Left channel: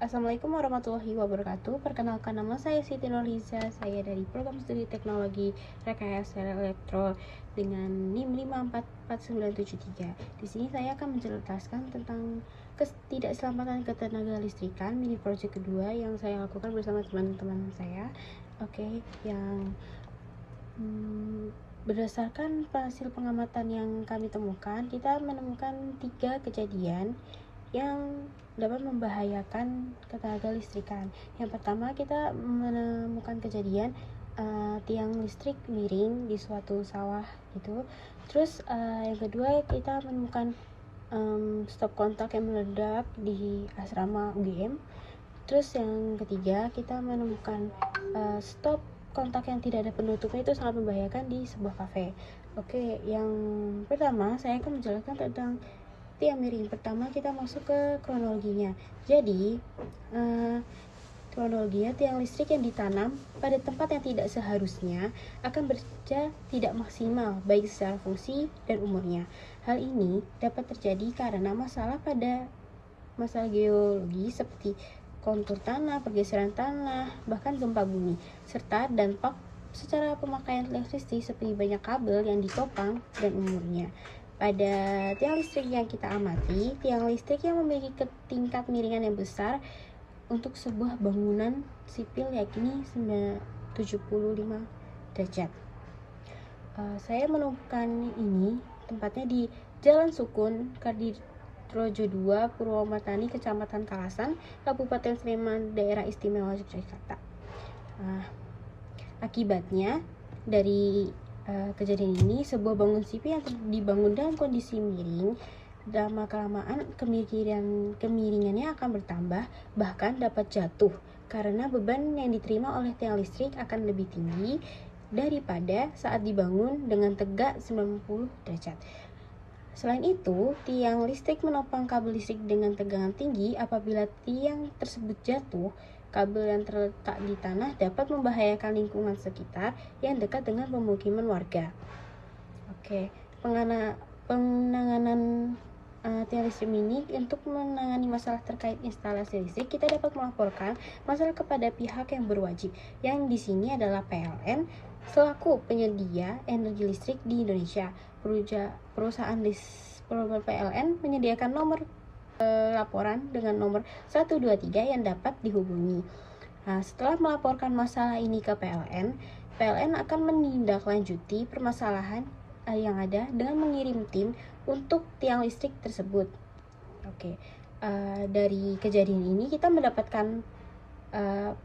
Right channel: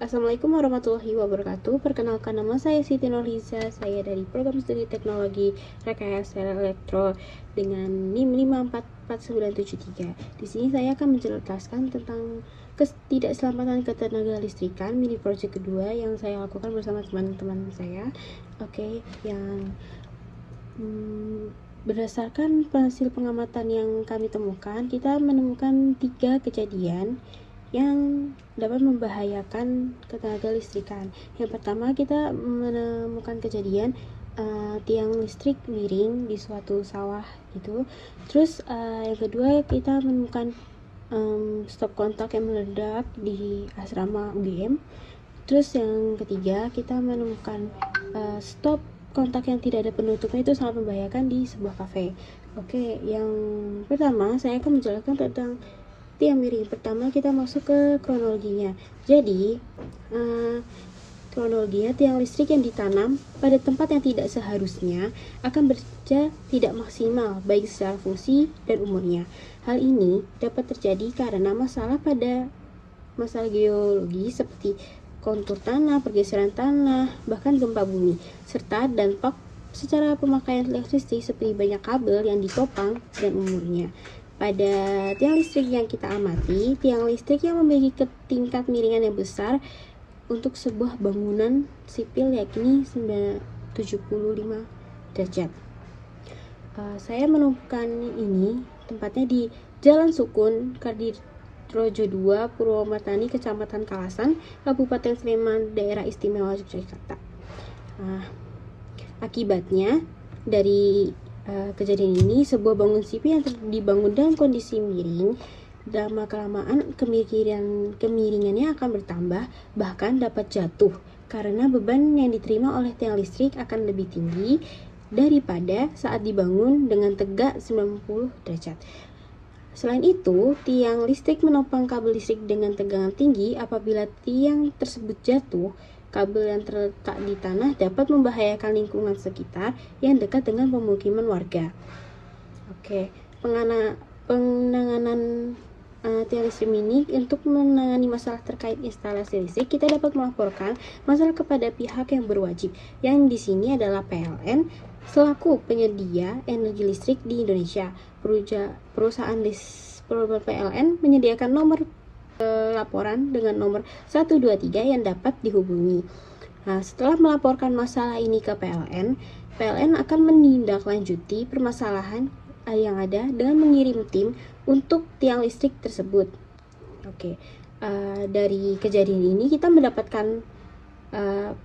Assalamualaikum warahmatullahi wabarakatuh. Perkenalkan, nama saya Siti Nurliza. Saya dari Program Studi Teknologi Rekayasa Elektro dengan NIM 54493. Di sini saya akan menjelaskan tentang ketidakselamatan ketenaga listrikan mini project kedua yang saya lakukan bersama teman-teman saya. Berdasarkan hasil pengamatan yang kami temukan, kita menemukan 3 kejadian yang dapat membahayakan ketenaga listrikan. Yang pertama, kita menemukan kejadian tiang listrik miring di suatu sawah gitu. Terus yang kedua, kita menemukan stop kontak yang meledak di asrama UGM. Terus yang ketiga, kita menemukan stop kontak yang tidak ada penutupnya itu sangat membahayakan di sebuah kafe. Oke, yang pertama saya akan menjelaskan tentang tiang miring. Pertama kita masuk ke kronologinya. Jadi kronologinya, tiang listrik yang ditanam pada tempat yang tidak seharusnya akan bekerja tidak maksimal baik secara fungsi dan umurnya. Hal ini dapat terjadi karena masalah geologi seperti kontur tanah, pergeseran tanah, bahkan gempa bumi, serta dampak secara pemakaian elektristik seperti banyak kabel yang ditopang dan umurnya. Pada tiang listrik yang kita amati, tiang listrik yang memiliki tingkat miringan yang besar untuk sebuah bangunan sipil yakni 75 derajat. Saya menemukan ini tempatnya di Jalan Sukun, Kardirojo 2, Purwomartani, Kecamatan Kalasan, Kabupaten Sleman, Daerah Istimewa Yogyakarta. Akibatnya dari kejadian ini, sebuah bangunan sipil yang dibangun dalam kondisi miring, lama-kelamaan kemiringannya akan bertambah, bahkan dapat jatuh karena beban yang diterima oleh tiang listrik akan lebih tinggi daripada saat dibangun dengan tegak 90 derajat. Selain itu, tiang listrik menopang kabel listrik dengan tegangan tinggi. Apabila tiang tersebut jatuh, kabel yang terletak di tanah dapat membahayakan lingkungan sekitar yang dekat dengan pemukiman warga. Oke, penanganan tiang listrik ini. Untuk menangani masalah terkait instalasi listrik, kita dapat melaporkan masalah kepada pihak yang berwajib, yang di sini adalah PLN selaku penyedia energi listrik di Indonesia. Perusahaan PLN menyediakan nomor laporan dengan nomor 123 yang dapat dihubungi. Nah, setelah melaporkan masalah ini ke PLN akan menindaklanjuti permasalahan yang ada dengan mengirim tim untuk tiang listrik tersebut. Oke, dari kejadian ini kita mendapatkan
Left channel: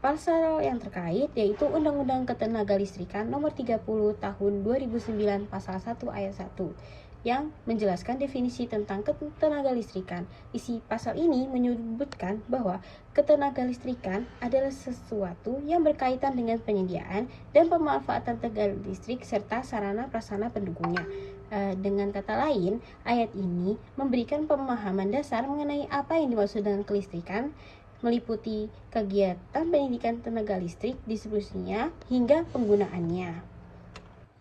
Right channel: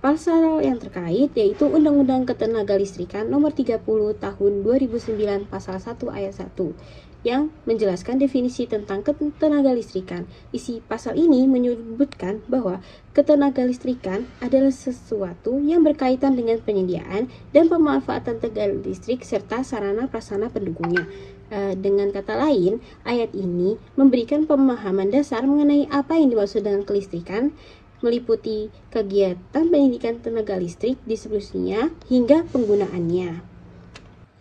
pasal yang terkait, yaitu Undang-Undang Ketenagalistrikan Nomor 30 Tahun 2009 Pasal 1 Ayat 1 yang menjelaskan definisi tentang ketenagalistrikan. Isi pasal ini menyebutkan bahwa ketenagalistrikan adalah sesuatu yang berkaitan dengan penyediaan dan pemanfaatan tenaga listrik serta sarana prasarana pendukungnya. Dengan kata lain, ayat ini memberikan pemahaman dasar mengenai apa yang dimaksud dengan kelistrikan, meliputi kegiatan pendidikan tenaga listrik, distribusinya, hingga penggunaannya.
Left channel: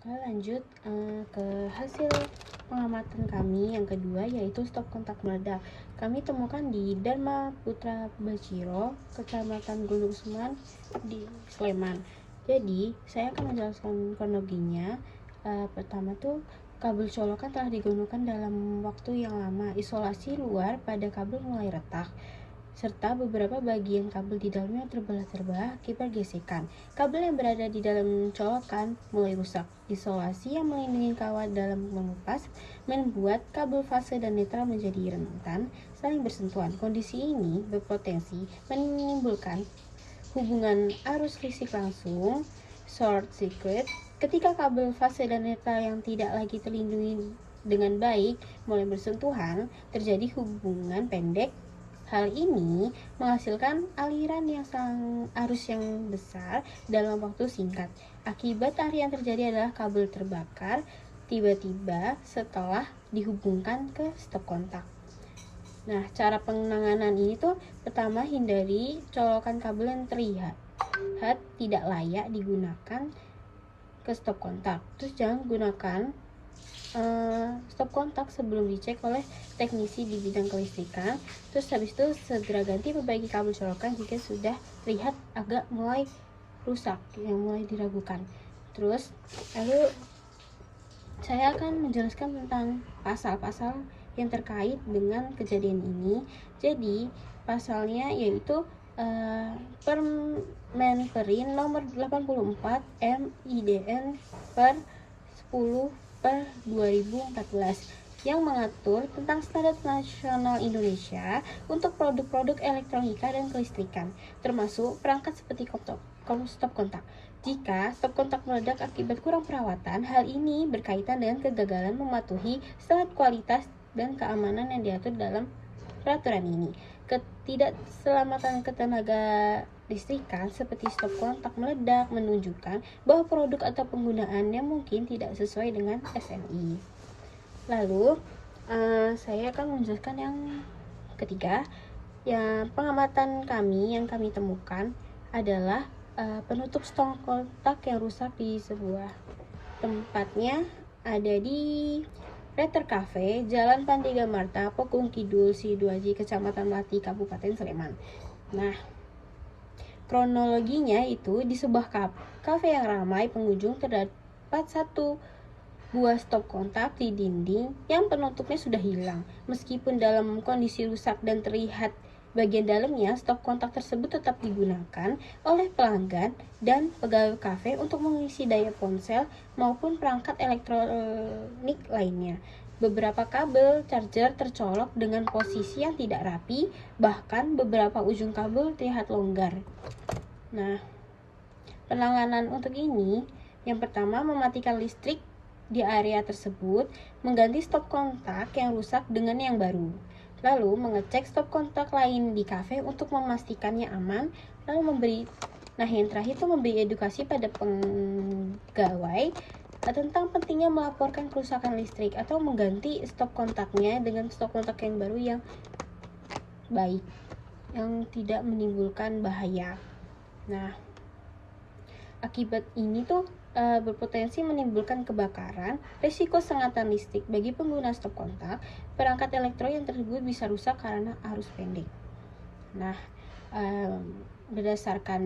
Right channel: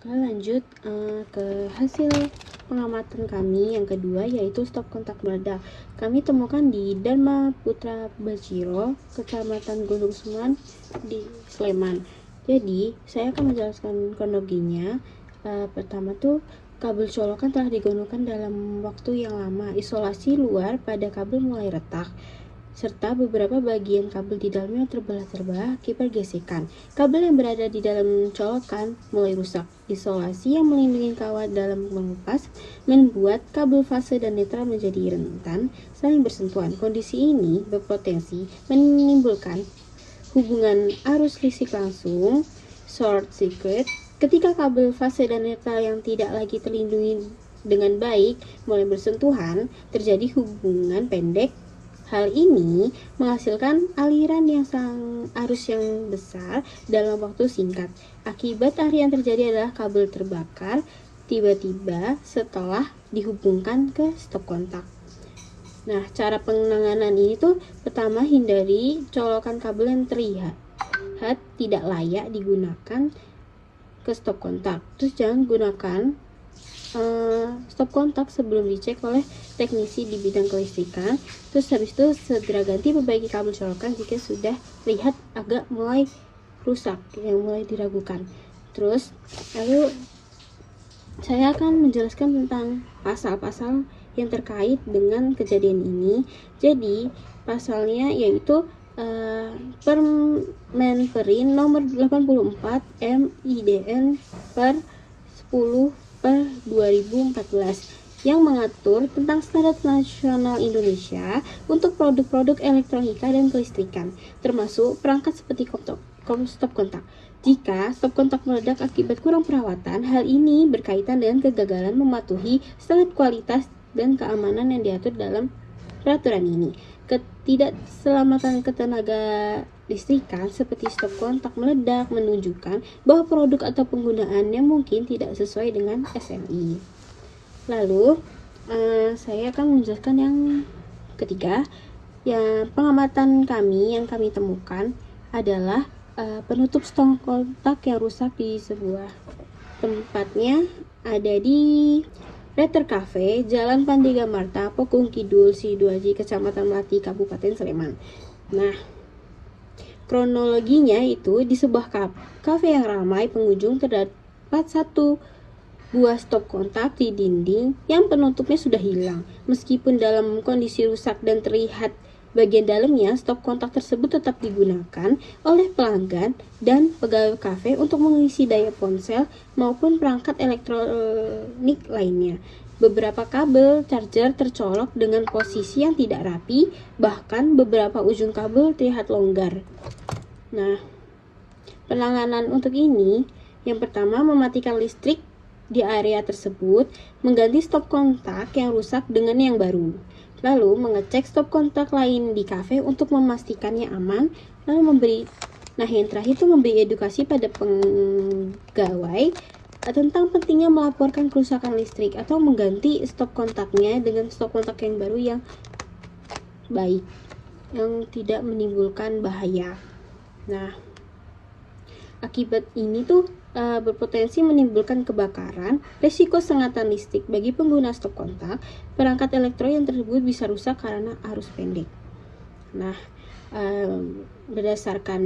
Lanjut ke hasil pengamatan kami yang kedua, yaitu stop kontak meledak. Kami temukan di Dharma Putra Bajiro, Kecamatan Gunung Suman di Sleman. Jadi saya akan menjelaskan kronologinya. Pertama tuh, kabel colokan telah digunakan dalam waktu yang lama. Isolasi luar pada kabel mulai retak, serta beberapa bagian kabel di dalamnya terbelah-terbelah akibat gesekan. Kabel yang berada di dalam colokan mulai rusak. Isolasi yang melindungi kawat dalam mengupas membuat kabel fase dan netral menjadi rentan saling bersentuhan. Kondisi ini berpotensi menimbulkan hubungan arus listrik langsung, short circuit, ketika kabel fase dan netral yang tidak lagi terlindungi dengan baik mulai bersentuhan, terjadi hubungan pendek. Hal ini menghasilkan aliran arus yang besar dalam waktu singkat. Akibat yang terjadi adalah kabel terbakar tiba-tiba setelah dihubungkan ke stop kontak. Nah, cara penanganan ini tuh pertama, hindari colokan kabel yang terlihat tidak layak digunakan ke stop kontak. Terus jangan gunakan stop kontak sebelum dicek oleh teknisi di bidang kelistrikan. Terus habis itu segera ganti perbaiki kabel colokan jika sudah terlihat agak mulai rusak, yang mulai diragukan. Terus lalu saya akan menjelaskan tentang pasal-pasal yang terkait dengan kejadian ini. Jadi pasalnya yaitu Permenperin nomor 84 MIDN per 10/2014 yang mengatur tentang standar nasional Indonesia untuk produk-produk elektronika dan kelistrikan, termasuk perangkat seperti stop kontak. Jika stop kontak meledak akibat kurang perawatan, hal ini berkaitan dengan kegagalan mematuhi standar kualitas dan keamanan yang diatur dalam peraturan ini. Ketidakselamatan ketenaga listrikan seperti stop kontak meledak menunjukkan bahwa produk atau penggunaannya mungkin tidak sesuai dengan SNI. Lalu saya akan menjelaskan yang ketiga. Yang pengamatan yang kami temukan adalah penutup stop kontak yang rusak di sebuah tempatnya ada di Reter Cafe, Jalan Pandega Marta, Pokung Kidul, Sidoarjo, Kecamatan Melati, Kabupaten Sleman. Nah, kronologinya itu di sebuah kafe yang ramai pengunjung terdapat satu buah stop kontak di dinding yang penutupnya sudah hilang. Meskipun dalam kondisi rusak dan terlihat bagian dalamnya, stop kontak tersebut tetap digunakan oleh pelanggan dan pegawai kafe untuk mengisi daya ponsel maupun perangkat elektronik lainnya. Beberapa kabel charger tercolok dengan posisi yang tidak rapi, bahkan beberapa ujung kabel terlihat longgar. Nah, penanganan untuk ini, yang pertama mematikan listrik di area tersebut, mengganti stop kontak yang rusak dengan yang baru. Lalu mengecek stop kontak lain di kafe untuk memastikannya aman. Lalu yang terakhir itu memberi edukasi pada pegawai tentang pentingnya melaporkan kerusakan listrik atau mengganti stop kontaknya dengan stop kontak yang baru yang baik, yang tidak menimbulkan bahaya. Nah, akibat ini tuh berpotensi menimbulkan kebakaran, risiko sengatan listrik bagi pengguna stop kontak, perangkat elektronik yang tersebut bisa rusak karena arus pendek. Nah, berdasarkan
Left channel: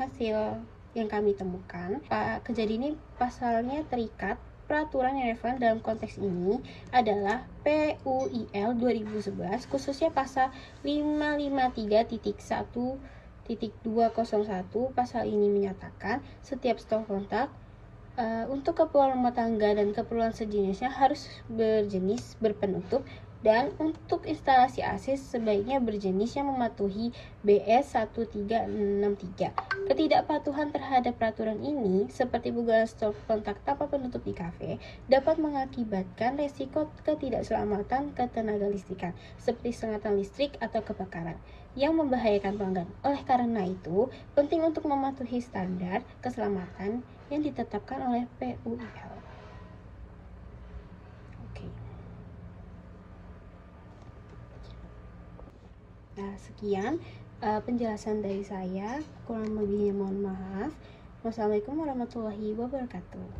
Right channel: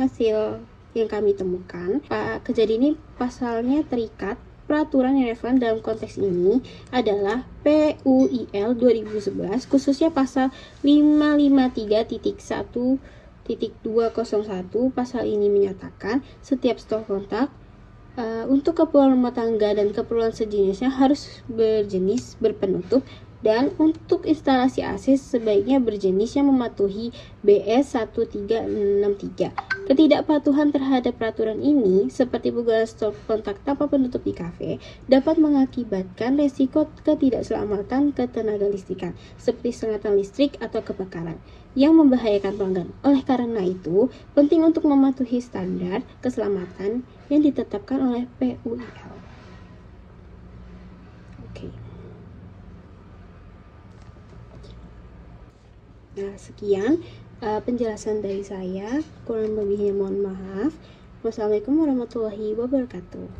hasil yang kami temukan, kejadian ini pasalnya terikat. Peraturan yang relevan dalam konteks ini adalah PUIL 2011, khususnya pasal 553.1.201. Pasal ini menyatakan setiap stop kontak untuk keperluan rumah tangga dan keperluan sejenisnya harus berpenutup, dan untuk instalasi AC sebaiknya berjenis yang mematuhi BS 1363. Ketidakpatuhan terhadap peraturan ini, seperti penggunaan stop kontak tanpa penutup di kafe, dapat mengakibatkan resiko ketidakselamatan ketenaga listrikan, seperti sengatan listrik atau kebakaran, yang membahayakan pelanggan. Oleh karena itu, penting untuk mematuhi standar keselamatan yang ditetapkan oleh PUIL. Oke. Nah, sekian penjelasan dari saya. Kurang lebihnya mohon maaf. Wassalamualaikum warahmatullahi wabarakatuh.